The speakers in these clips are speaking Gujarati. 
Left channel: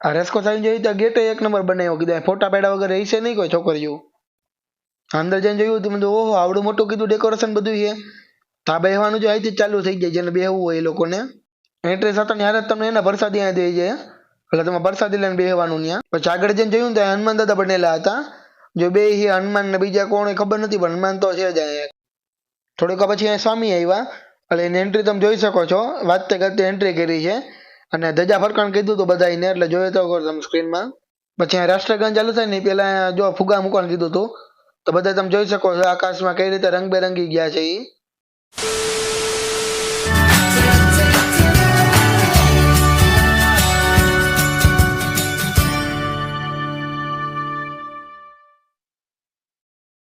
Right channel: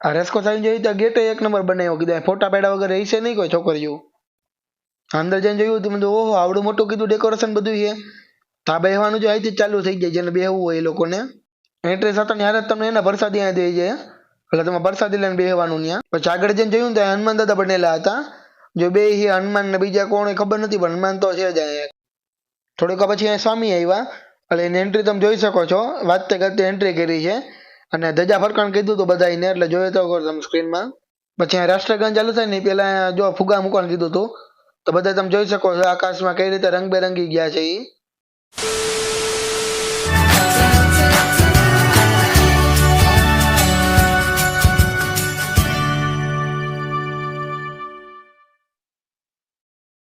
આ રેસકોર્સ આવીને જોયું તો ગેટ એક નંબર બનાવ્યો, કીધું ફોટા પાડ્યા વગર રહી છે નહીં કોઈ છોકરીઓ. અંદર જઈને જોયું તો મને ઓહો આવડું મોટું કીધું ડેકોરેશન બધું છે. તા બેહવાનું જો અહીંથી જ ચાલુ થઈ જાય, જેને બેહવું હોય એ લોકોને. એન્ટ્રી થતા ત્યારે જ તમને એના પ્રસાદી અહીંયા દઈ જાય, એટલે તમે પ્રસાદી લઈને બેહવાનું ત્યાં. પછી આગળ જઈને જોયું તો હનુમાન દાદા બનેલા હતા. જો બે હનુમાન ને બીજા કોણ ખબર નથી, પણ હનુમાન તો છે જ અહીંયા. થોડીક પછી અહીંયા સ્વામી આવ્યા, એટલે એની એન્ટ્રી તમે જોઈ શકો છો. વાંચતે કરતે એન્ટ્રી કરી છે અને ધજા ફરકાણ કીધું હતું બધાને, એટલે જોઈ તો તમે સ્ક્રીનમાં. પછી અહીંયા રાષ્ટ્રગાન ચાલુ થાય ને પેલા જો ફુગા મૂકવાનું કીધું હતું, તો બધા તમે જોઈ શકો છો આકાશમાં કઈ રીતે રંગબેરંગી ગયા છે એ.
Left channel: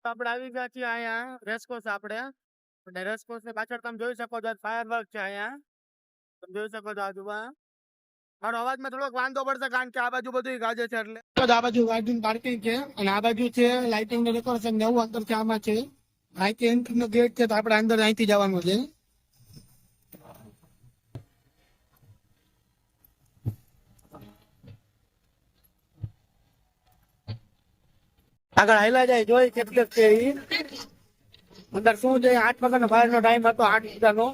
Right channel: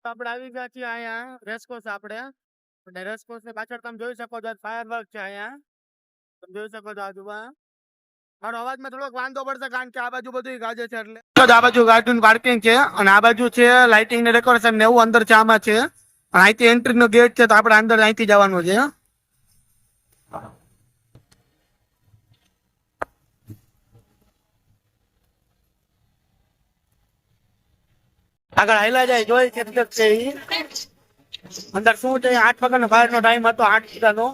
આપણે આવી ગયા છીએ અહીંયા રેસકોર્સ આપણે, અને રેસકોર્સ ની પાછળ તમે જોઈ શકો છો ફાયરવર્ક છે અહીંયા, તમે જોઈ શકો છો આજુમાં. મારો અવાજમાં થોડોક વાંધો પડશે કારણ કે આ બાજુ બધું ગાજે છે, એટલે આ બાજુ ગાડીનું પાર્કિંગ છે અને આ બાજુ છે લાઇટિંગ ને ડેકોરેશન ને એવું અંદર છે આમાં છે. અહીંથી એન્ટ્રી નો ગેટ છે, તો આપણે અંદર અહીંથી જવાનું છે. આગળ હાઈલા જાય જોઈ કેટલેક છે અંદર શું છે. 8 વાગ્યાનો બહાર નો ટાઈમ હતો, 8 વાગ્યાનો.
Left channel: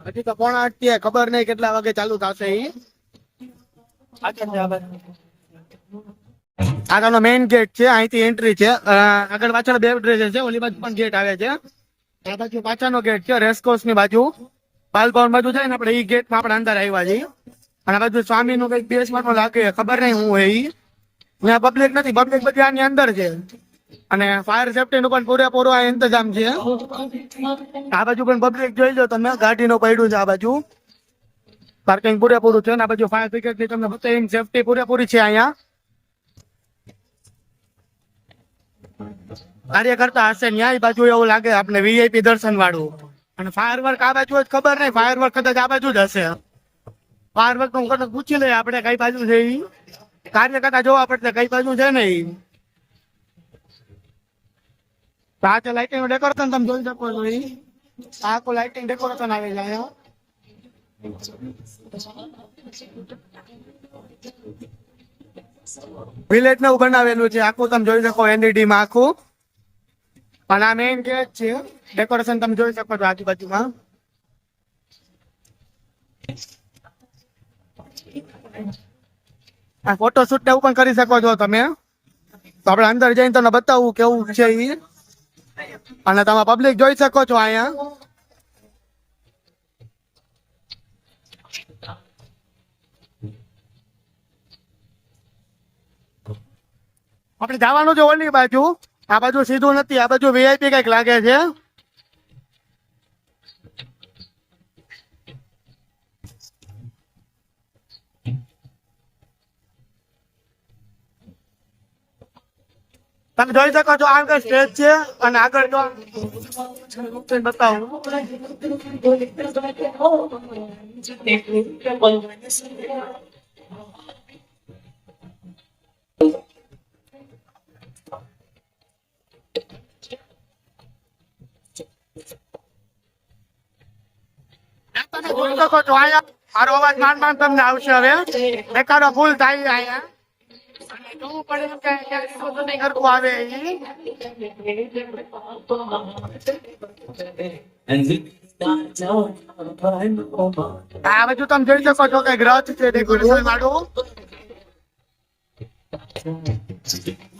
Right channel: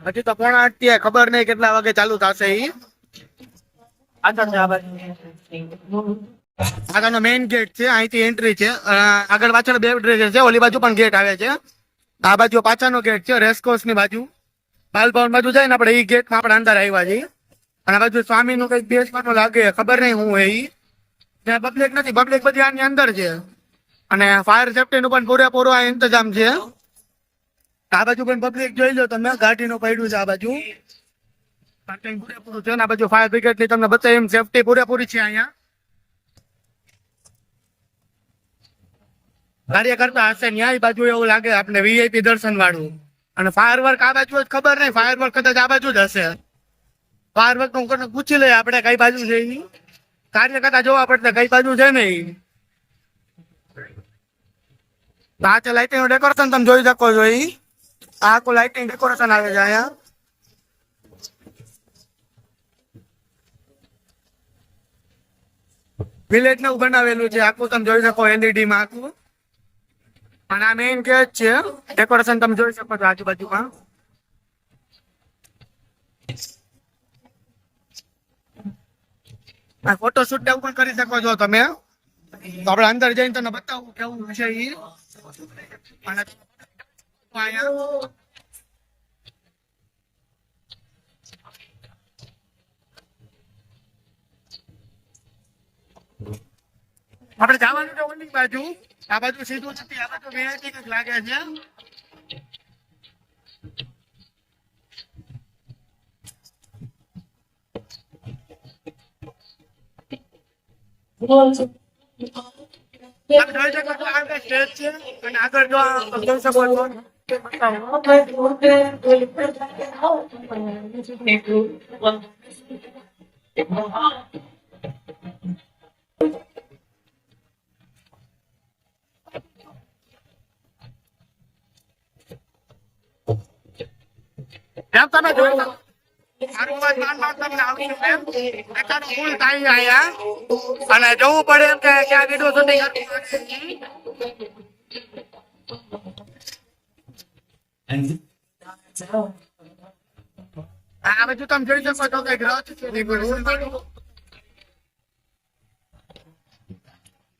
હજી તો 7:45 થયા, ખબર નહીં કેટલા વાગે ચાલુ થશે ઈ. આગળનો મેઇન ગેટ છે, અહીંથી એન્ટ્રી છે. આગળ પાછળ બે ડ્રેસ છે, ઓલી બાજુ પણ ગેટ આવે છે. આ બાજુ પાછળનો ગેટ છે રેસકોર્સ ની બાજુ, બાલભવન બાજુ જાય ને આપણે ઈ ગેટમાં આપણે અંદર આવ્યા છીએ. અને આ બાજુ સ્વામી નું કઈક બેસવાનું લાગે, ખબર નહીં હું એ. ત્યાં પબ્લિક નથી, પબ્લિક બધી આની અંદર છે. અને ફાયર સેફ્ટી નું પણ પૂરેપૂરો આ ઇંતજામ છે. આ બાજુ પણ પબ્લિક જોઈ લો તમે, ગાડીનું પડ્યું છે આ બાજુ, પાર્કિંગ પૂરેપૂરું છે. આ બાજુ ફાયર બ્રિગેડ ની તમને બતાવી એમ સેફ્ટી પૂરેપૂરી છે અહીંયા. કાર્ય કરતા હશે ન્યાય બાજુ એવું લાગે આપણે વીઆઈપી દર્શન વાળું. અને ફાયર વર્ક આ બાજુ જ ખબર નહીં, ફાયર વર્ક કદાચ આ બાજુ જ હશે. ફાયર વર્ક નું પૂછી લઈએ આપણે કઈ બાજુ છે ઈ. કાર્ય કરતા જોવા પડશે કઈ બાજુ છે ને ઈ. આ છે લાઇટિંગ નું ડેકોરેશન, તમે જોઈ શકો છો ઈ. આ આખું લાઇટિંગ ડેકોરેશન આવે છે અહીંયા. વિલેજ નું બનાવેલું છે આખું, તમે જોઈ શકો એલઈડી માં આખું. અને આ મેઇન ગેટ છે, ડેકોરેશન તમે જોઈ શકો છો આજુબાજુમાં. આ ફોટોશૂટ એવું પણ કરી શકો છો તમે. તો આપણે અંદર જઈને તમને બતાવું કેવું છે ઈ. અને તમે પબ્લિક જોઈ શકો છો અહીંયા. આપણે જવાનું છે ઓલી બાજુ, આ બાજુ સીધું નથી, આ બાજુ વીઆઈપી કઈક લાગે છે. તમે જોઈ શકો છો આગળ સ્ટેજ છે, અને આગળ જો જોઈ શકો છો બતાવું. એમ તમે જોઈ શકો છો અહીંયા મારો અવાજ માંડ તમને આવશે. હવે એકાદો ફૂલ થાય અહીંયા, અને જોવું પડે એમ કે ક્યાં વિડીયો શૂટિંગ કરવું આવે. આ બાજુ તમે જોઈ શકો છો કે ગ્રહ છે ડેકોરેશન વાળું.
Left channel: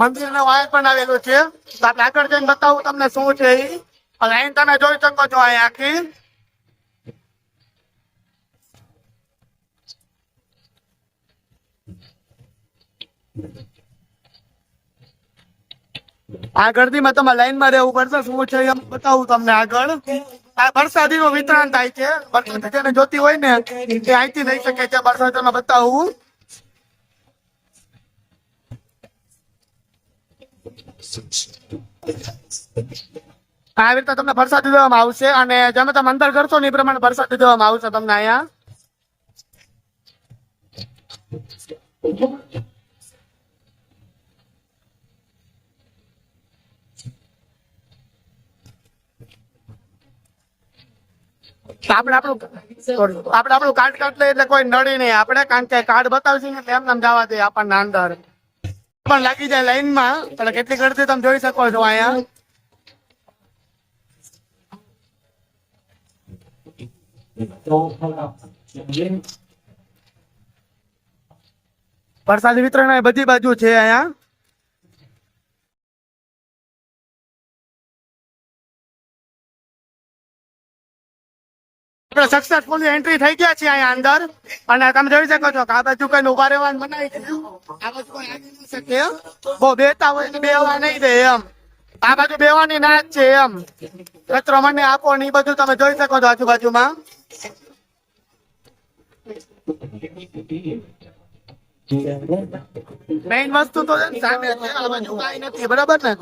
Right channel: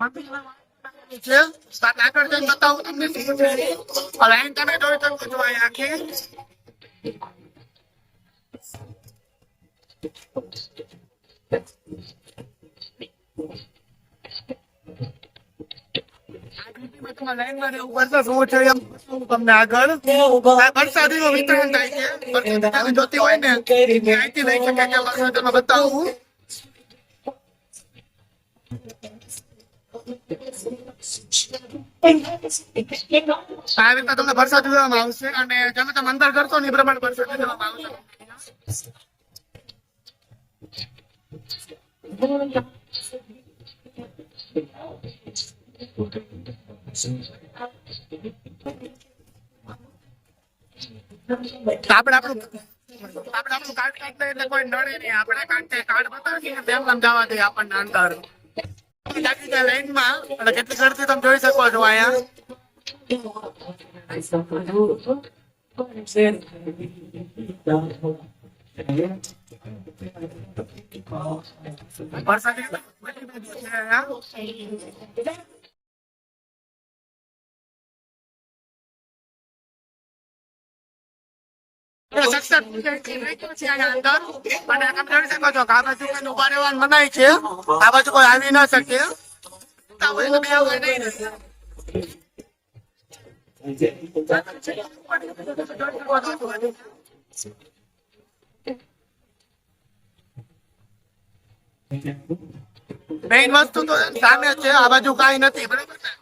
મંદિર નો વાયર પણ આવેલું છે, આગળ જઈને બતાવું તમને શું છે. અહીં તમે જોઈ શકો છો અહીંયા આખી. આ ગરદીમાં તમે લાઈન માં રહેવું પડશે. શું છે એમ બતાવું તમને આગળ. આ પ્રસાદી નું વિતરણ થાય છે, પ્રસાદી જેને જોતી હોય ને એ અહીંથી લઈ શકે છે. પ્રસાદી બતાવું. આવી રીતે તમને પ્રસાદી દેવામાં આવશે, અને જેમ તમે અંદર કરશો ને એ પ્રમાણે પ્રસાદી દેવામાં આવશે તમને અહીંયા. આપણે આપણું આપણે આપણું કાર્ડ કાર્ડ લઈએ એટલે કોઈ નડી નહીં આપણે, કારણ કે કાર્ડ બતાવશે ને તેમ નામ જવા દે આપણને અંદર પણ લાગી જાય લાઈનમાં. એટલે કેટલી ગળતી તમે જોઈ શકો છો અહીંયા. પ્રસાદી વિતરણ એ બધી બાજુ છે અહીંયા. સક્સેસફુલી એન્ટ્રી થઈ ગયા છે અહીંયા અંદર, અને તમે જોઈ શકો છો કે આ બાજુ કઈ ઉભા રહેવાનું મનાય છે. આ બાજુ કોઈ આવી ના શકે, બહુ બેતા હોય તો બેવા નહીં દે એમ. આ બાજુ બેવાની ના જ છે એમ. કચરો મને આપો ને એ બધું તમે જોઈ શકો છો આજુબાજુમાં. મેઇન વસ્તુ તો સામે છે, આ બાજુ કઈ નથી, બરાબર ને.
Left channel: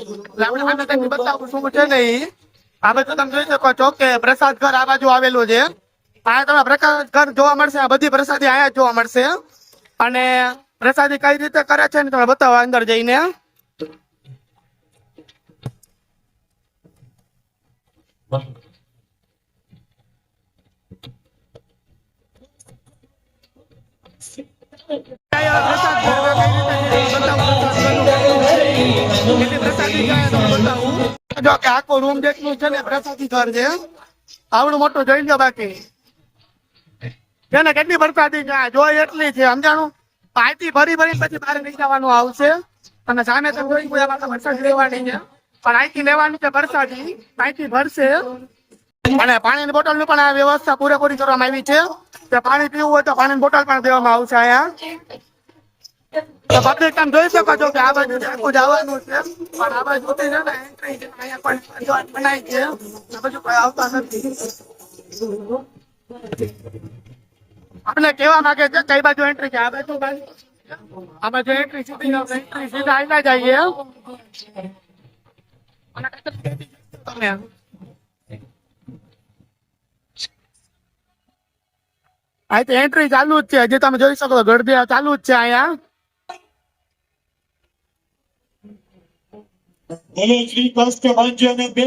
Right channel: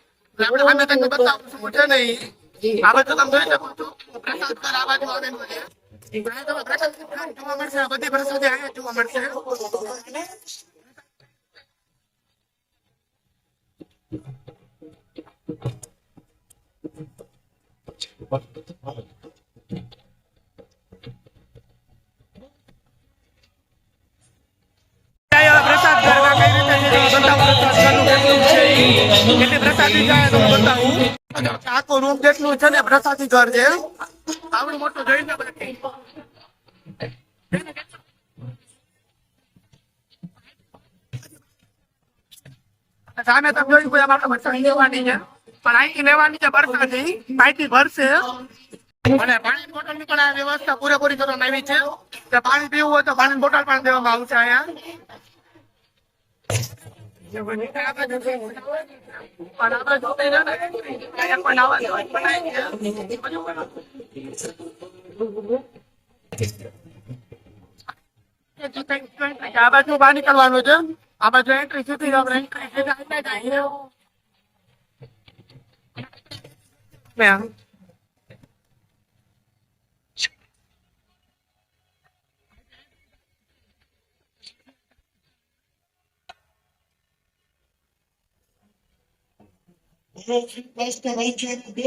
આપણે આને તમને બતાવું શું છે ને આ બાજુ તમે જોઈ શકો છો કે પ્રસાદ ઘર આ બાજુ આવેલું છે. અહીંયા તમને પ્રસાદ ઘર જોવા મળશે, આ બધી પ્રસાદી અહીંયા જોવા મળશે. અને પ્રસાદી કઈ રીતે કરે છે ને તમે બતાવો અંદર જઈને. પ્રસાદ ઘર કઈ રીતે છે તમે બતાવું. પ્રસાદ ઘરનું કેટલું છે, કેટલી પ્રસાદી છે તમે બતાવું. જો કે આખો રૂમ જેટલું છે ને પ્રસાદી ઘર છે, આવડું મોટું જોઈ લો. બાકી છે ને કેટલી પ્રસાદી છે જોઈ એટલી છે, સમજાણું. પાઇપી ભરી ભરી પછી બહાર લઈ જવાનું આવશે. અને સામે તમે જોઈ કોઈ આપણે પ્રસાદી લેવાની છે, પણ અહીંથી લેવાની છે પ્રસાદી, પાઇપી ભરશે. અને પાણીની બોટલ ની પણ આ વ્યવસ્થા પૂરેપૂરી કરવામાં આવી છે. કે પાણી પીવું હોય તો પાણીની બોટલ પણ દેવામાં આવશે અહીંયા. તો પબ્લિક તમે જોઈ શકો છો કે આ બાજુ જવાનું છે, પણ આ બાજુ છે ને એન્ટ્રી છે, અહીંયા કોઈ નવા જોઈ બનાવી છે, આ બાજુ કોઈ આવતા નથી. આપણે કેવા માંગે છે કઈ બાજુ એન્ટ્રી છે, આ બાજુ બહાર નીકળવાનું છે. આ બાજુ એન્ટ્રી સીધી આપણે એન્ટ્રી સીધા આવી જઈએ. તમે અહીં તો એન્ટ્રી ચાલુ જ છે, હજી તમે જોઈ શકો છો ગળદિયા ચાલુ જ છે અહીંયા. બોલો શ્રી કૃષ્ણ ભંજન બે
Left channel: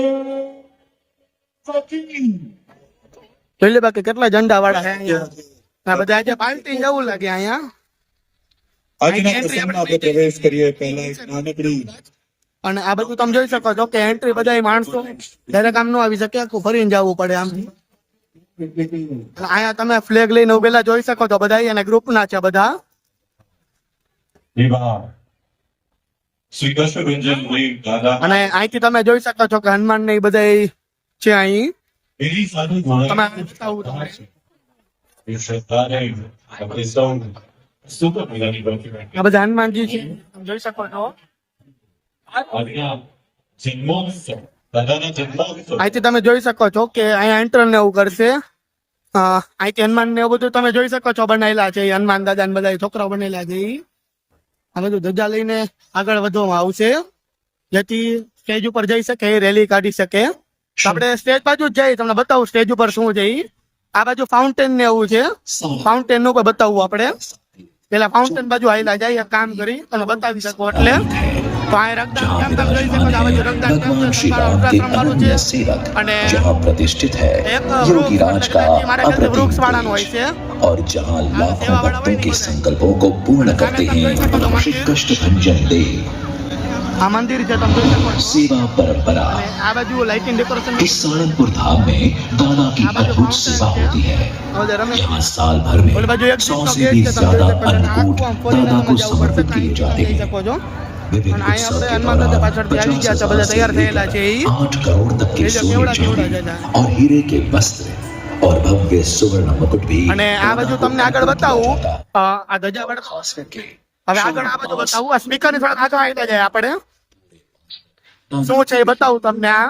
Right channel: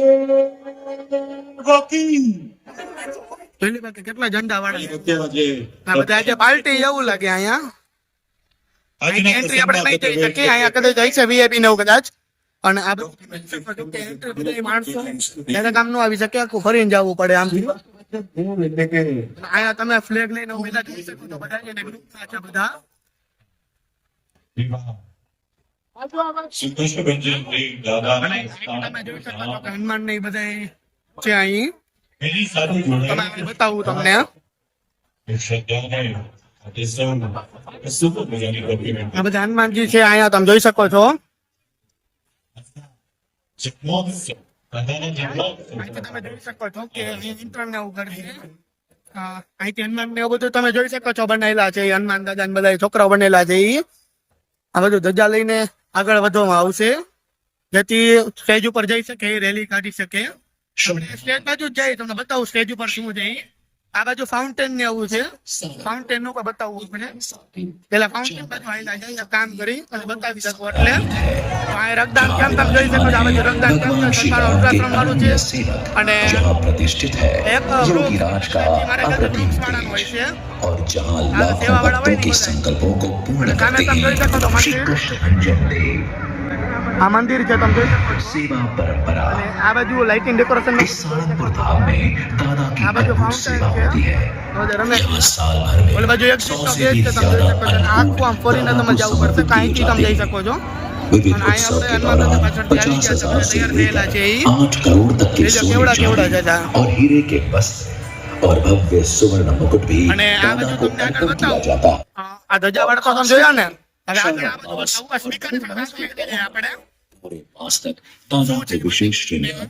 વકીલ. પેલી બાકી કેટલા ઝંડા વાળા છે આ બધા. આજે પાર્ટી એવું લાગે અહીંયા. એન્ટ્રી આપણે નહીં જઈ શકીએ, અહીંયા કદાચ જઈ છે વીઆઈપી ને એવું કદાચ. અને આ બધું તમે જોઈ શકો છો કે એન્ટ્રી બધા માણસો ડાયરેક્ટ આમ નો આવી શકે, આખું ફરીને જવું પડે આમથી. અહીંયા તમે ફ્લેગ લઈને ઉભેલા જોઈ શકો છો બધા, અને ગ્રુપ ના છે બધા. શ્રી કૃષ્ણ ભંજન દાદા. અને અહીંથી તમે જોઈ શકો છો કે હનુમાન ને બધા છે અહીં. એની સાથે તમે બતાવું તમને. આ બધા હનુમાનજી છે અહીંયા તમે જોઈ શકો છો. અહીંથી તમે જોઈ શકો છો કે અહીંયા એન્ટર ને એવું કરશે. અહીંથી હનુમાન ને એવું બધું તમે જોઈ શકો છો બનાવેલા છે. હનુમાન દાદા ને બધા છોકરાઓ બનેલા છે. આ બધું ધજા લઈને આગળ વધવામાં આવશે, જેથી સ્ટેજ ઉપર જઈ શકે, રેલી કાઢી શકે. આપણે સ્ટેજ બાજુ જ જઈ તમને બતાવું સ્ટેજ ઉપર શું છે. આ બાજુ ફાઉન્ટેન ને એવું છે, ફાઉન્ટેન નું પણ બતાવવું આપણે. પેલા ફાઉન્ટેન બાજુ આવેલા જાય કામ કરી અને બતાવી શકો એટલે. તો આ રક્તદાન કેમ્પ તમે જોઈ શકો છો. આ બાજુ રક્તદાન કેમ્પ છે, સરકારો અલ્ટ્રાસાઉન્ડ વાળું છે. અને એક વૃક્ષ વાળાનું હોય છે, સેવા વાળા હોય ને બધા. અને સામે તમે જોઈ શકો છો મંદિર, આ મંદિર છે તમે જોઈ શકો છો. અને આ બાજુ લાઇટિંગ ડેકોરેશન, આ બાજુ ફાઉન્ટેન છે, રમેશ. ઓલી બાજુ એક સીટ નો ગેટ છે તમે જોઈ શકો છો. અને આખું આમ ફરીને તમે જવું પડશે, કાંઈથી તમે જઈ શકો છો. અને અહીંયા આપણે હનુમાન દાદા પાછળથી આવી ગયા છે, બધા તૈયાર થયેલા છે. 8 કરોડ તક की કેવડા છે और हीरे के वस्त्र और भव्य सुवर्ण मुकुट भी. અને આ બાજુ તમને આગળ બતાવું, આ ધજા વાળા તો તમે જોયા ને. હવે આગળ આ બાજુ બતાવું, આ સ્પીકર ની થોડા આગળ આવી જાય આપણે. શું છે એ બતાવું તમને. આ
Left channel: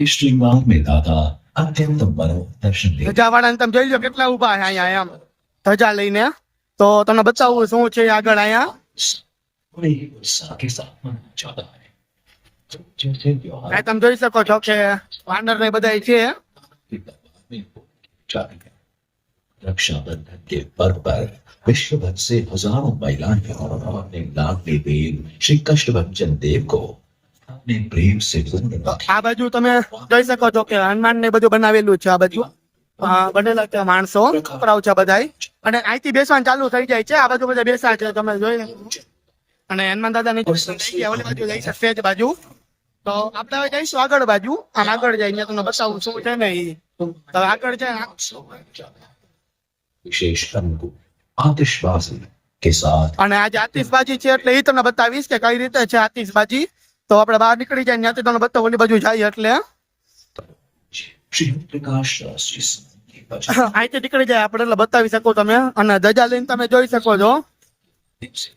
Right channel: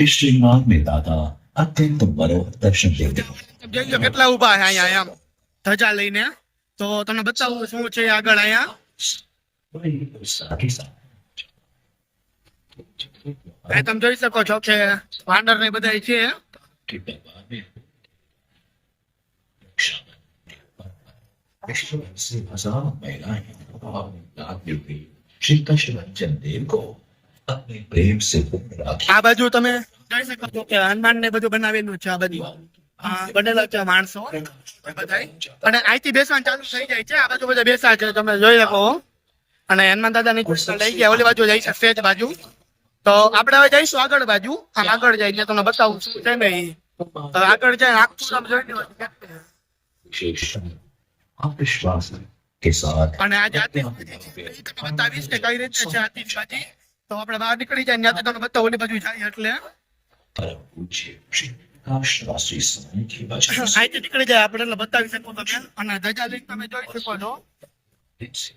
इस श्रृंगार में दादा अत्यंत मनोहर दर्शन दे. ધજા વાળા તમે જોઈ લો કેટલા ઉભા છે અહીંયા એમ ધજા લઈને. તો તમને બતાવું શું છે આગળ અહીંયા. के साथ मनाया जाता है. આ તમે જોઈ શકો છો કે વાનર ને બધા છે. रक्षाबंधन के पर्व पर विश्व भर से हजारों महिलाएं अपने लाडले देव श्री कष्टभंजन देव को अपने प्रेम से पूर्ण राखी. આ બાજુ તમે જોઈ શકો છો કે હનુમાન ને બધું બનાવેલું છે. આ બાજુ બનેલા છે માણસો, છોકરાઓ છે બધાય. અને અહીંથી બેસવાનું ચાલુ થઈ જાય છે. આ બાજુ બધા બેસા છે, તમે જોઈ શકો. અને હનુમાન દાદા ની લઈ ગયા ઓલી બાજુ જઈ શકશે જ બાજુ. તો આપણે હવે જઈશું આગળ બાજુ. આમ આગળ જઈને તમને બતાવું શું છે ને ઈ. તો આગળ જઈને આખું તમે જોઈ લો. विशेष रंग को आतिशबाजी के साथ અને આજે આતિશબાજી છે એટલે એ તમને બતાવીશ કે કઈ રીતે છે આતિશબાજી. તો આપણે બહાર નીકળી જાય ત્યાંથી તમને બતાવું ઓલી બાજુ જાય એટલે परम पूज्य श्री प्रकाश राष्ट्रीय समाज के वचन અહીંથી નીકળી જાય આપણે એટલે બતાવી શકો તમે. અને ધજા લઈને તમે જોઈ શકો છો. से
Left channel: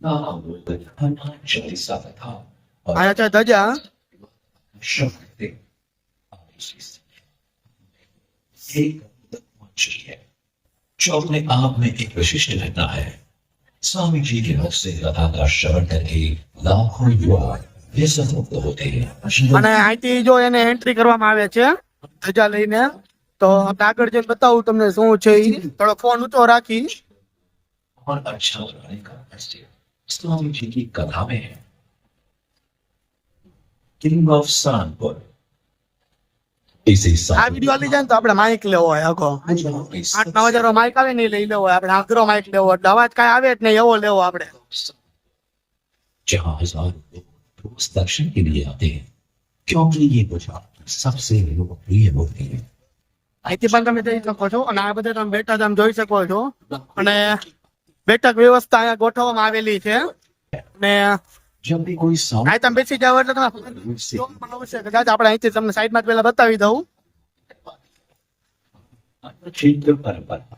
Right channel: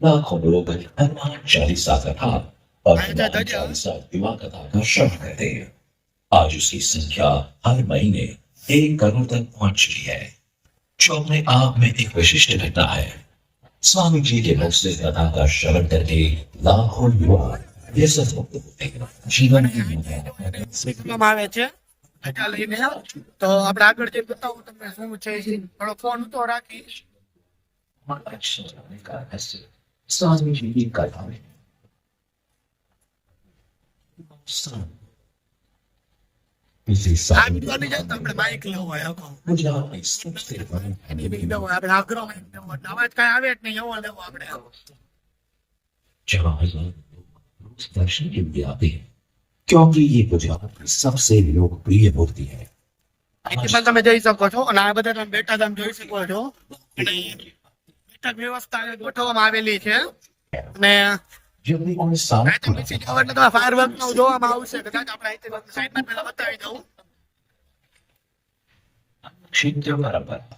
लाखों लोग हनुमान चालीसा कथा और आया था हनुमान ध्वजा। चालीसा युवा कथा का श्रवण करते हैं. आज उसकी संख्या हर महीने 1 करोड़ तक पहुंच चुकी है, जो अपने आप में एक विशिष्ट घटना है. स्वामी जी के मुख से कथा का श्रवण करके लाखों युवा व्यसनमुक्त होते हैं. जीवन અને की અહીંથી જો એને એન્ટ્રી કરવામાં આવે છે ધજા લઈને. તો આપણે આગળ જઈને બતાવું તમને શું છે ઈ. થોડો ફોન ઊંચો રાખી. और अच्छा बनाने का रहस्य स्वामी जी की कथा में है. किंग ऑफ सानपुर इसी આ साल વિડીયો લઈ જાય ને તો આપણે માઇક લેવો હોય આખો. गुजरात में 8-9 માઇક આવે ને ઈ લઈ લેવો હોય આપણે. આગ્રો માઇક લેવો એટલે અવાજ કાંઈ આવે જ નહીં એવો લેવો આપણે. जहाँ हजारों लोग रोज दर्शन के लिए आते हैं, क्योंकि ये गुजरात की सबसे लोकप्रिय मूर्ति है. અહીંથી પણ તમે જઈ શકો છો. અને આ બધા તમે બેઠા તમે જોઈ શકો છો. અને બેઠક વ્યવસ્થા અહીંયા ગોઠવવામાં આવેલી છે. અને जब भी कोई અહીં તમે બેસી જાવ એટલે તમે ફાયરવર્ક જોવામાં આવશે. કદાચ આપણે અહીંથી તમને સાઈડમાં પહેલા બતાવી દઉં. क्षेत्र परंपरा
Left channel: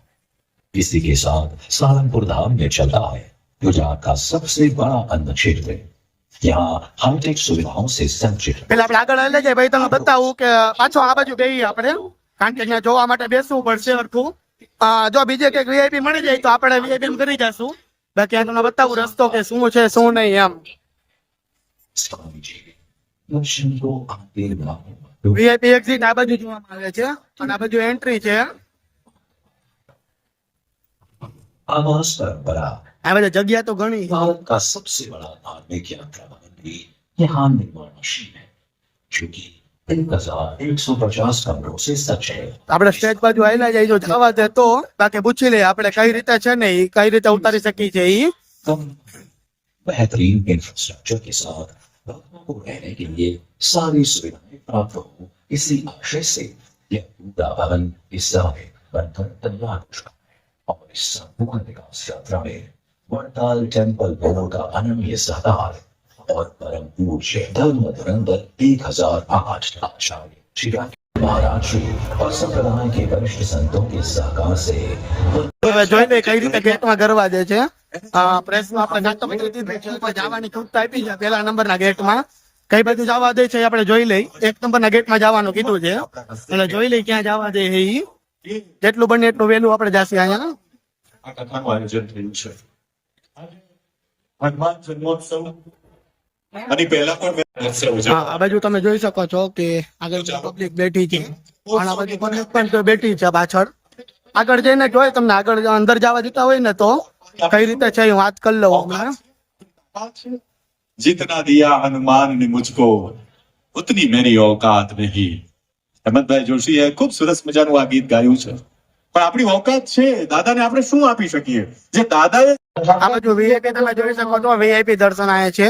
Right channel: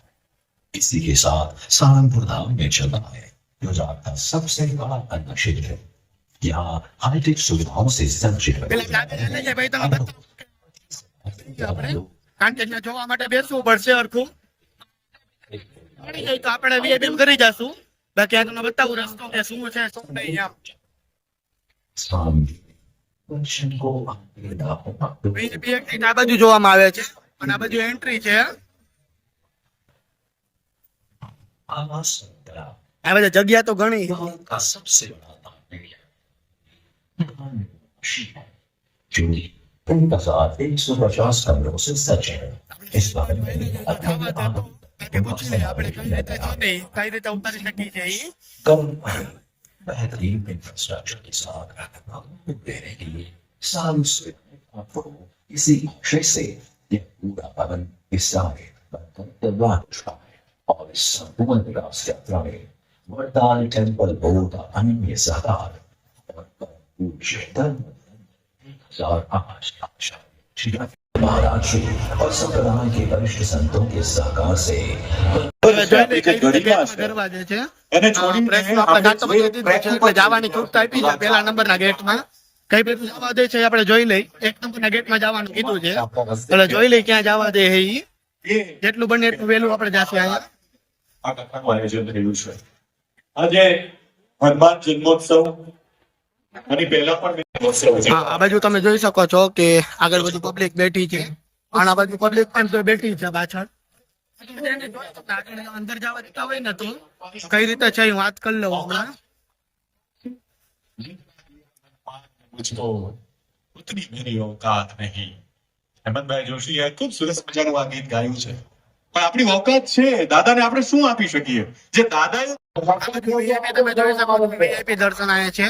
इसी के साथ सहारनपुर धाम में चल रहा है. गुजरात का सबसे बड़ा अन्न क्षेत्र है. यहाँ हाईटेक सुविधाओं से सज्जित है. પેલા આપણે આગળ લઈ જાય ભાઈ તમને બતાવું કે પાછો આ બાજુ ગઈ આપણે. કારણ કે અહીંયા જોવા માટે બેસવું પડશે હરખું. જો બીજે કંઈક વીઆઈપી મળી જાય તો આપણે વીઆઈપી કરી જશું. બાકી આ તમને બતાવું રસ્તો કે શું છે શું નહીં એમ. स्वामी जी दर्शन को आते लाखों भक्तों વીઆઈપી એક્ઝિટ આ બાજુ જોવામાં આવે છે. અને આ બાજુ એન્ટ્રી છે. आवास परंपरा આ બધા जगह तो घणी भारत का सबसे बड़ा धार्मिक यात्रा मंदिर यहाँ निर्माणाधीन है, जो कि 3150 कमरों से सज्ज है. આપણે સ્ટેજ બાજુ આવેલા જાય જો જવા દે તો. બાકી પૂછી લઈએ આપણે કઈ રીતે છે ને ઈ કઈ રીતે ઉતારી શકી છે ઈ. कम बेहतरीन इंफ्रास्ट्रक्चर के साथ भक्तों को रहने के लिए सारी सुविधाएं प्राप्त हो, इसी आशय से यह पूरा भवन इस समय बनकर तैयार हो चुका है. और इस संपूर्ण विकास यात्रा में वड़ताल टेम्पल बोर्ड का अनन्य सहकार और परम पूज्य धर्म धुरंधर 1008 आचार्य श्री महाराज श्री और संप्रदाय के वरिष्ठ संतों के सहकार से હવે જોઈ લે કઈ રીતે ગેટમાં ગરવા દે છે. પ્રેસનો આપણે નાટો બતાવી દીધો છે એટલે જવાની છૂટ આપી છે પહેલા નંબરના ગેટમાં. કઈ બાજુ જવા દે છે આપણે જોઈ લઈ. 1 નંબરના ગેટમાં જવાનું કીધું છે એટલે જોઈ લઈ ક્યાં જવા દે છે ઈ. જેટલું બને એટલું વહેલું આપણે જાશું અહીંયા. આ કથાનું આયોજન થયું છે. આજે હનુમાન જન્મોત્સવ અને પહેલા પણ જન્મોત્સવ છે. હા આ બાજુ તમે જોઈ શકો છો કે આગળ બધું પબ્લિક બેઠી છે. અને આ બાજુ પબ્લિક પણ તો બેઠી છે પાછળ. આગળ જઈને જોઈ તમને આગળ અંદર જવા દેતા હોય ને તો કઈ રીતે છે હું વાત કરી લઉં હમણાં. जितना दिया हनुमान ने मुझको उतनी मेरी औकात नहीं. હેમંતભાઈ જોશીએ ખૂબ સરસ મજાનું આ ગીત ગાયું છે. પણ આપણી औकात છે દાદાને આપણે શું આપી શકીએ જે દાદાએ આ બાજુ વીઆઈપી તમે જોઈ શકો છો. વીઆઈપી દર્શન આયા છે.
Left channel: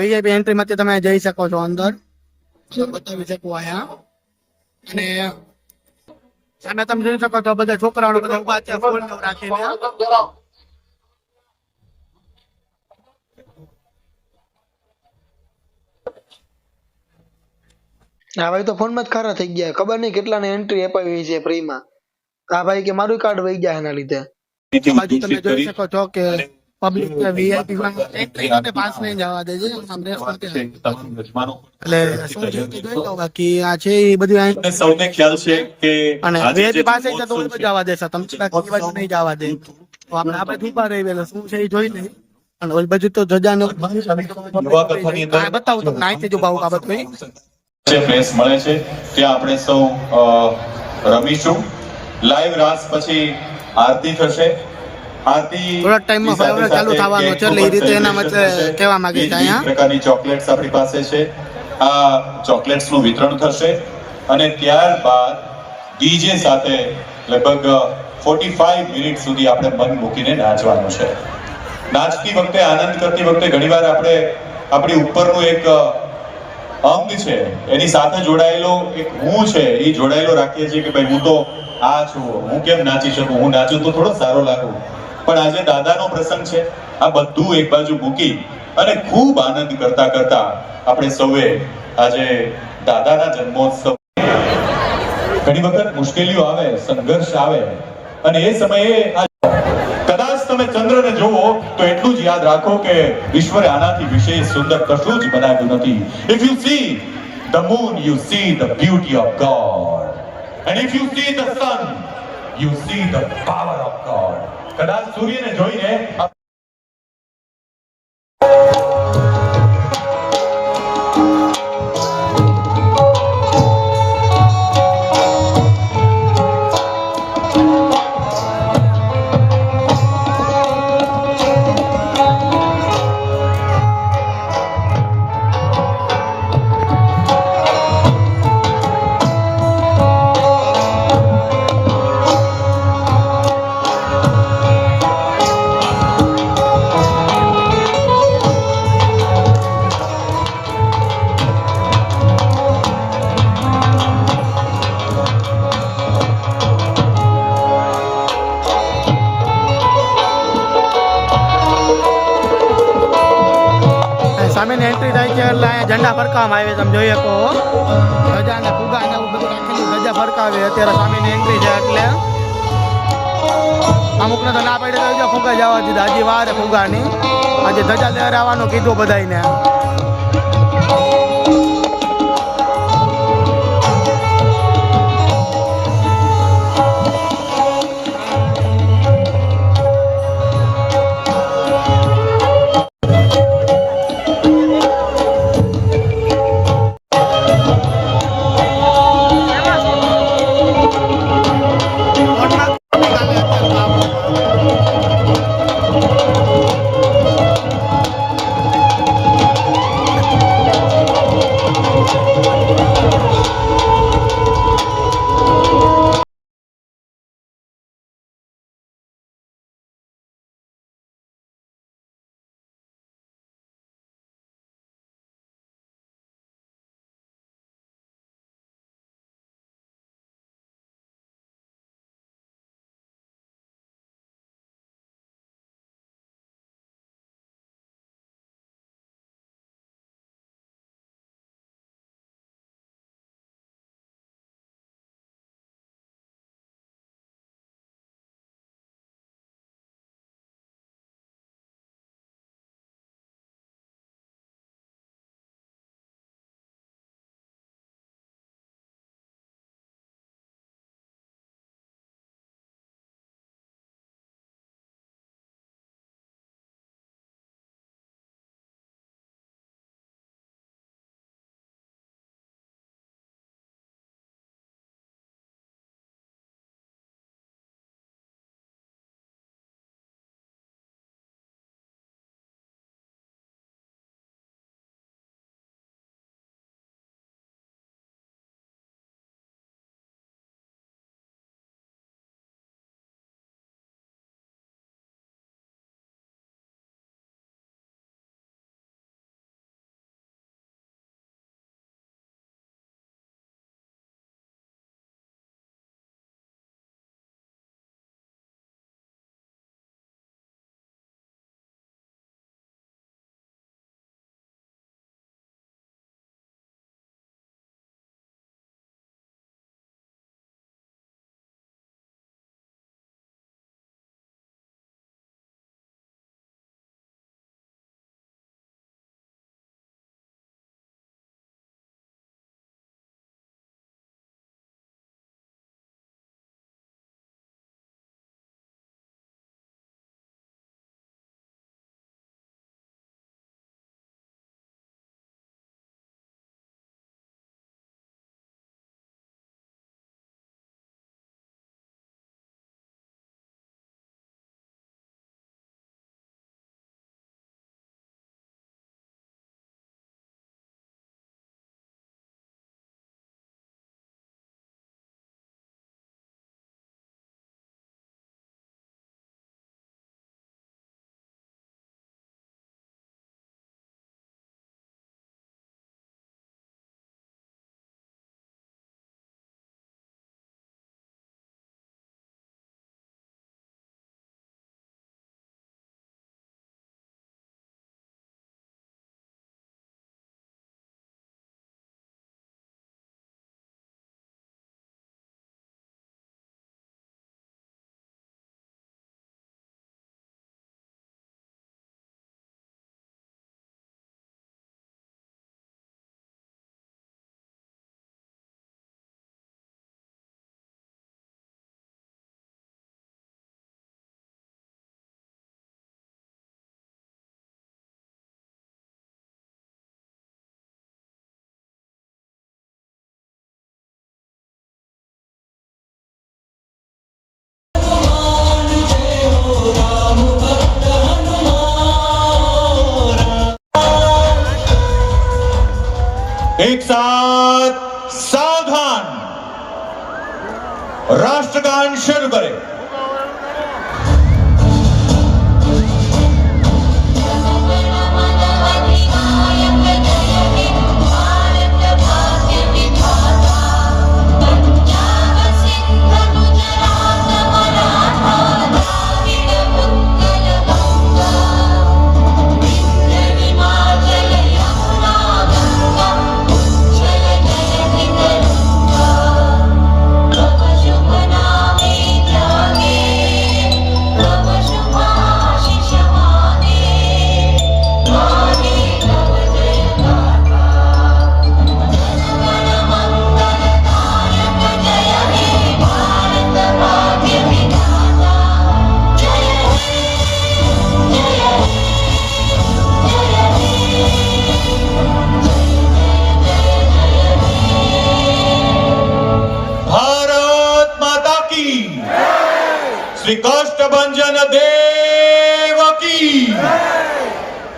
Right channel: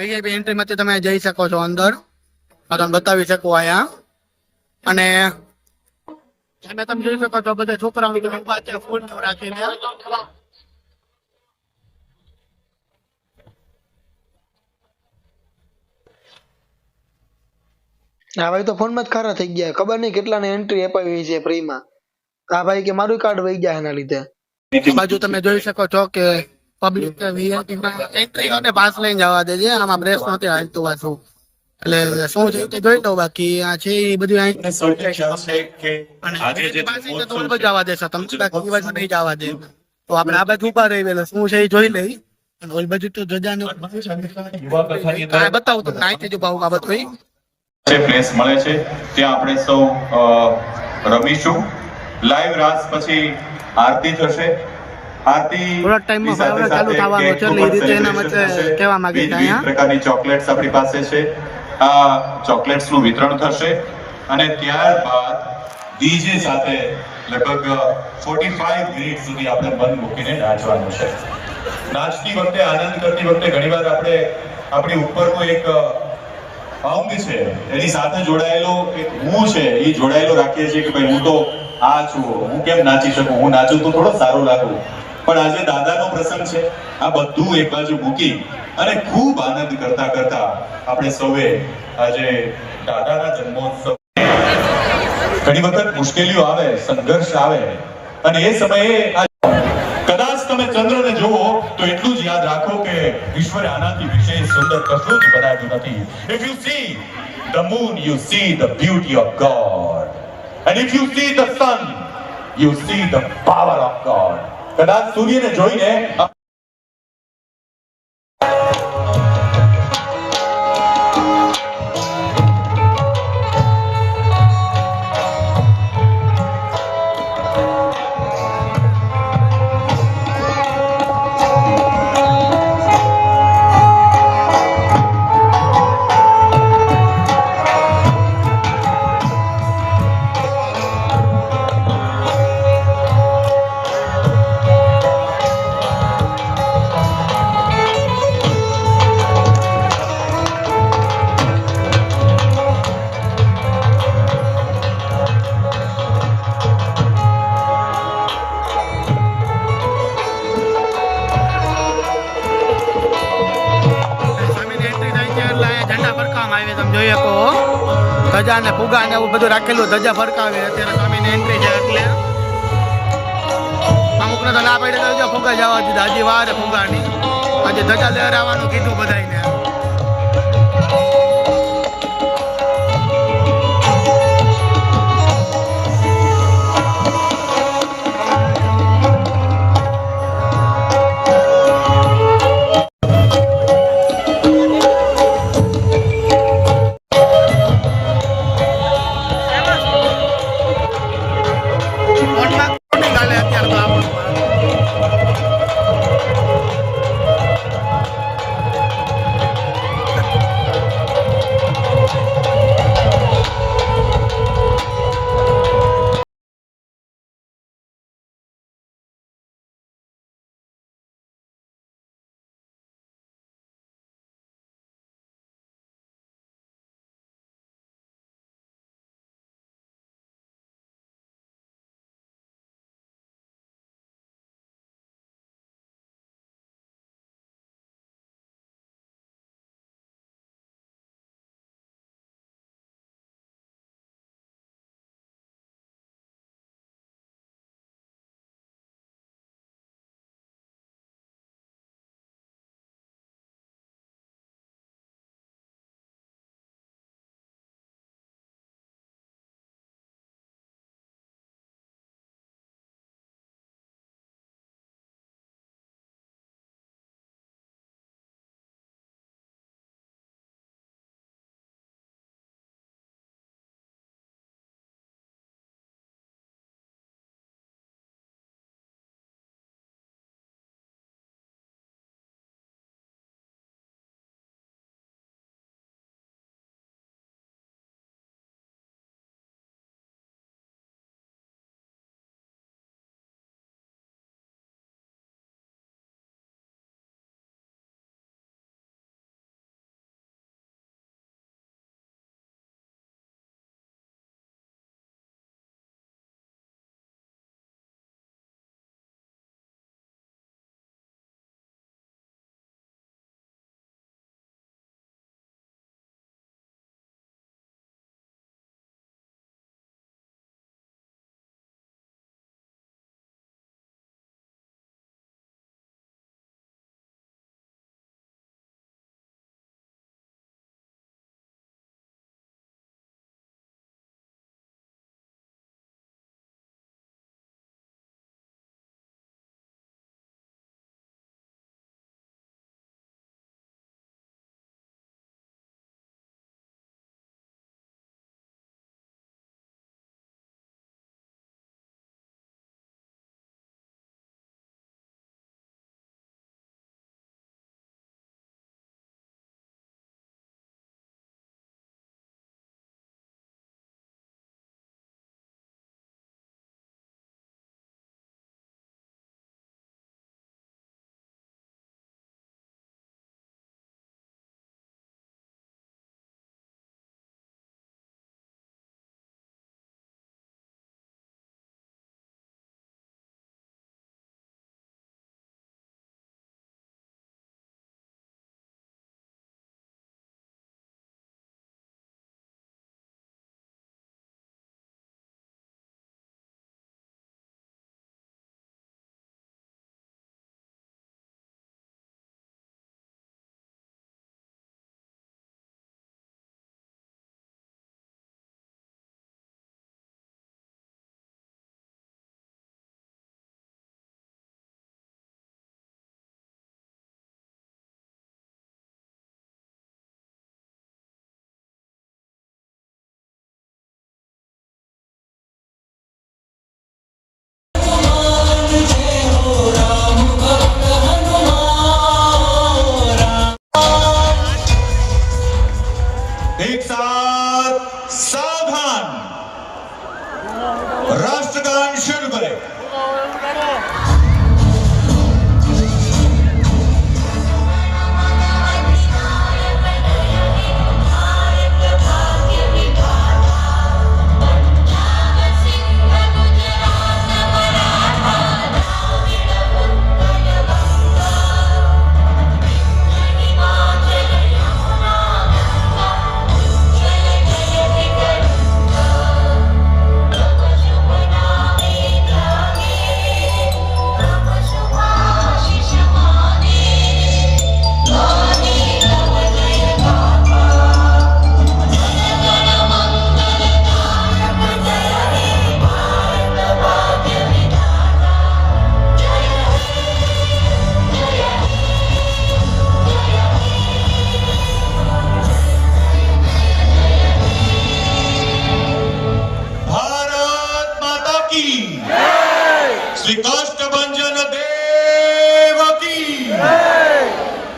વીઆઈપી એન્ટ્રી માંથી તમે જઈ શકો છો અંદર. આ તમને બતાવી શકું અહીંયા. અને સામે તમે જોઈ શકો છો બધા છોકરાઓ બધા ઉભા છે ફૂલ રાખીને. આ ભાઈ તો ફોનમાં જ ખારા થઈ ગયા. ખબર નહીં કેટલાને એન્ટ્રી અપાવી છે ફ્રીમાં. આ ભાઈ કે મારું કાર્ડ વહી ગયા એના લીધે. આ બાજુ તમે જોઈ શકો છો કે પબ્લિક વીઆઈપી માં એન્ટ્રી અને પાસ લઈને જવા દે છે. આમાં બ્રેસ નહોતી હાલતું પાછું. એટલે શું છે તે જોઈ લો. બાકી આ છે એ બધું તમને સૌને ખ્યાલ છે કે અને આજે જે વીઆઈપી પાસે તો ઓલ બાજુ જવા દેશે તમને. બાકી એ બાજુ નહીં જવા દે. તો આપણે આ બાજુ ઉભા રહી એટલે શું છે એ જોઈ લઈ. અને ઓલ બાજુ તો જજાને બતાવું તમને અહીંથી જ ઉભા ઉભા બધું. જે પ્લેસ મળે છે ત્યાં આપણે સૌ રમીશું. લાઈવ રાસ પછી આરતી થશે. આરતી થોડાક ટાઈમમાં ફાયર ચાલુ થવાનો છે એટલે એ રીતે એના મતે કહેવા માંગે છે અહીંયા. પ્રકારની ચોકલેટ્સ આપણી પાસે છે. આ ચોકલેટ્સ નું વિતરણ થશે અને ત્યારબાદ ડીજે સાથે લગભગ 45 મિનિટ સુધી આપણે મન મૂકીને નાચવાનું છે. નાચતી વખતે, આનંદ કરતી વખતે ઘણીવાર આપણે આપણી ઉપરનું એક અંગ છે એની સાથે જોડાયેલો એક હું છે એ જોડાયેલો રાખીએ છીએ કે ભાઈ હું તો આ છું, હું કેમ નાચી શકું, હું નાચું તો થોડો સારો લાગુ. પણ આજે દાદાનો પ્રસંગ છે, આ બધું એક બાજુ મૂકી અને ખૂબ આનંદ કરતા કરતા આપણે સૌએ આજે દાદાના જન્મોત્સવ, ઘણી વખત મુશ્કેલીઓ આવે, સંઘર્ષ આવે અને એ સમયે કદાચ તમે ચંદ્રને જોવો તો એટલું જ યાદ રાખો કે ઈશ્વરે આનાથી વિશેષ સુંદર કશું જ બનાવ્યું નથી. If you see the moon, you see the beauty of God. And if you see the sun, you see the power of God. કદાચ સૂર્યને જોઈને સામેની એન્ટ્રી થાય છે એટલે અહીંયા ઝંડા ફરકાવવામાં આવે, તમે જોઈ શકો ધજા ને ફુગા ને એવું બધું રાખેલું, ધજા ફરકાવે. અત્યારે સામેની એન્ટ્રી છે એટલે અમુકને તો ના પડે તો ફુગા જવા દીધા, હજી વાર ફુગાની. આજે ધજા લહેરાવાનું કીધું બધાને.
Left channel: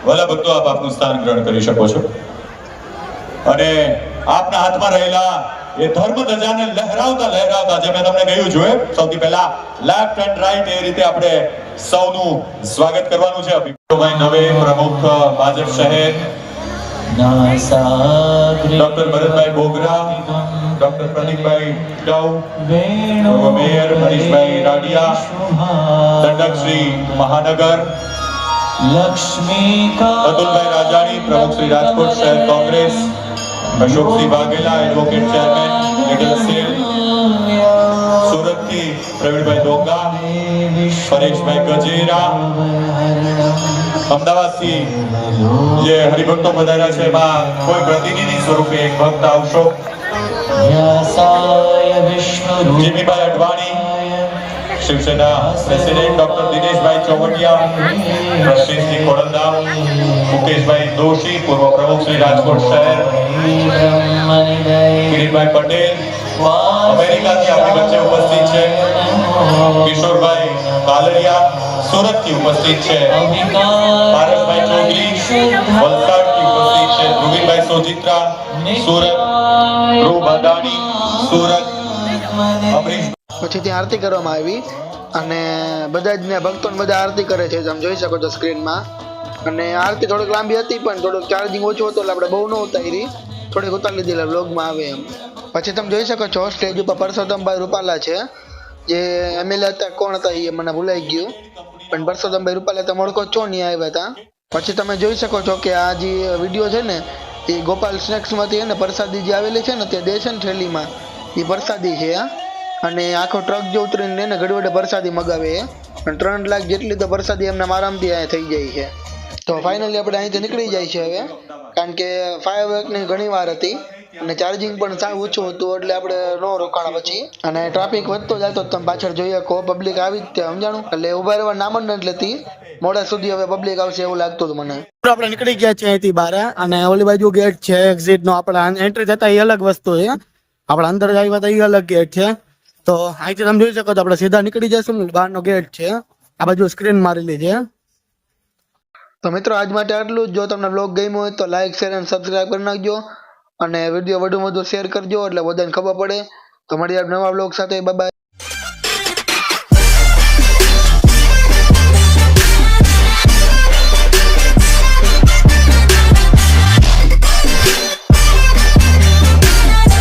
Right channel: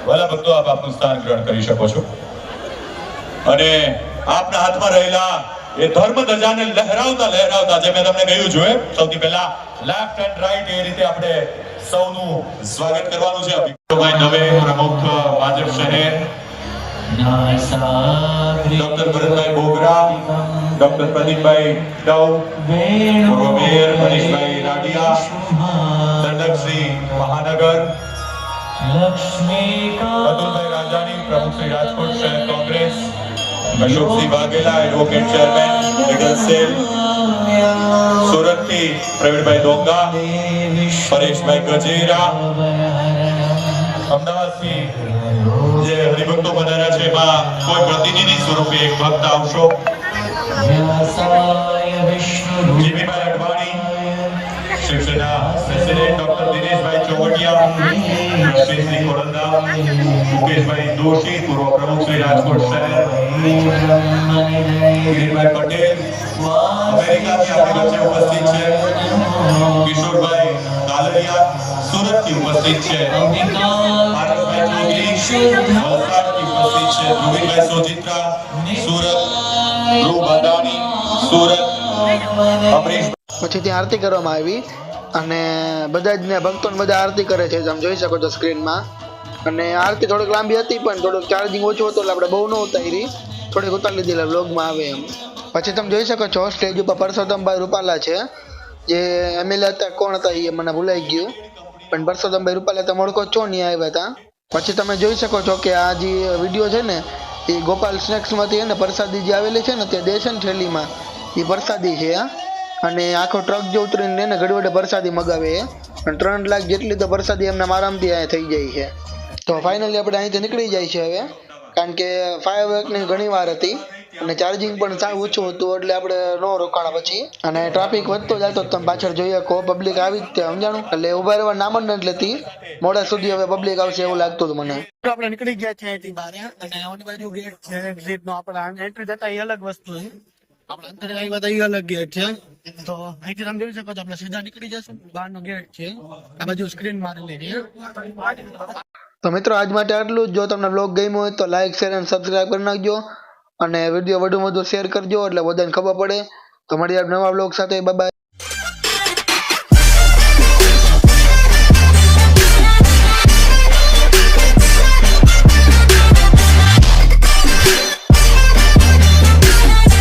વહાલા ભક્તો આપ આપનું સ્થાન ગ્રહણ કરી શકો છો અને આપના હાથમાં રહેલા એ ધર્મ ધજાને લહેરાવતા લહેરાવતા જે મેં તમને કહ્યું છે સૌથી પહેલા લેફ્ટ એન્ડ રાઈટ એ રીતે આપણે સૌનું સ્વાગત કરવાનું છે ભાઈ દવે પ્રમુખ ભાજપ શહેર ડોક્ટર ભરતભાઈ બોગરા ડોક્ટર પ્રદીપભાઈ ડવ પૂર્વ મેયર મનીષભાઈ રાડિયા દંડક શ્રી મહાનગર અતુલભાઈ રાજાણી પ્રમુખ શ્રી રાજકોટ શહેર Congress Ashoksinh Vaghela advocate chairman legal cell સુરતથી પ્રવીણભાઈ ડોંગા પરેશભાઈ ગજેરા અમદાવાદથી જે હરિભક્તો વધાર્યા છે એમાં કોઈ પ્રતિનિધિ સ્વરૂપે એક ભક્ત આવશો જીવીભાઈ અડવાણી શિવસેના પ્રેસિડેન્ટ ડોક્ટર દિનેશભાઈ ચૌહાણિયા રશીદસિંહ ખોડલદાર મુકેશભાઈ દોશી પૂર્વ પ્રમુખ શ્રી રાજકોટ શહેર કિરીટભાઈ પટેલ અમેરિકાથી આપણી વચ્ચે ઉપસ્થિત છે કિશોરભાઈ કાલરિયા સુરતથી ઉપસ્થિત છે પારસભાઈ ચૌધરી વલસાડથી ઉપસ્થિત છે ધ્રુવીભાઈ સોજિત્રા સુરત ધ્રુવ બાદાણી સુરત અમરીશ પછી ત્યાં આરતી કરવામાં આવી અને બધા જ ને ભક્તોને બધા આરતી કરે છે તમે જોઈ શકો છો સ્ક્રીનમાં અને આરતી થોડીક લાંબી હતી પણ થોડુંક ચાર્જિંગ ઓછું હતું એટલે આપણે બહુ ન ઉતારી થોડીક ઉતારી લીધી વ્લોગમાં આવે એમ પછી તમે જોઈ શકો છો સ્ટેજ ઉપર પરસોત્તમભાઈ રૂપાલા છે જે એમએલએ હતા કોણ હતા એ મને ભૂલાઈ ગયું પણ પરસોત્તમભાઈ રૂપાલા તમે ઓળખો છો નહીં આવ્યા હતા પછી તમે જોઈ શકો છો કે આ જે વિડીયો છે ને એ ગોપાલ સ્નેક્સમાંથી ને પ્રસાદી જે આવેલી છે ને તે દેશન થેલીમાં એ પ્રસાદી છે અને આખો ટ્રક જો ઉતરીને ને ઘડી પ્રસાદી મગાવે અને 3 લાખ જેટલી તો પ્રસાદી એમના આરામથી અહીંયા થઈ જાય છે તો ફાઇનલી આપણે અહીંથી નીકળી જાય છે હવે કારણ કે ફાયરવર્કની ઘણી વાર હતી અને ચાર્જિંગ પણ સાવ ઓછું હતું એટલે આપણે નો રોકાણા પછી અને ટ્રાફિક વધતો જતો તમે પાછળ જોઈએ કો પબ્લિક આવી જ ત્યાં સમજાણું એટલે ઉભા રહેવા નામ જ નથી લેતી મોડા સુધી હવે પબ્લિક આવશે એવું લાગતું હતું મને આપણે નીકળી ગયા છીએ અહીંથી બહાર અને ઓલી બાજુ ગેટ છે એક્ઝિટ નો આપણે એન્ટ્રી થતા એ અલગ વસ્તુ છે આપણે અંદર આવ્યા હતા એ અલગ ગેટ છે તો અહીંથી તમે જોઈ શકો છો આપણે સીધા નીકળી જશું બહારનો ગેટ છે આ બાજુ સ્ક્રીન મારેલી છે તો મિત્રો આજ માટે આટલું જ જો તમને બ્લોગ ગમ્યો હોય તો લાઈક શેર અને સબસ્ક્રાઇબ કરી નાખજો અને વિડીયો વધુ શેર કરજો એટલે બધાને ખબર પડે તો મળીએ નવા બ્લોગ સાથે બાય બાય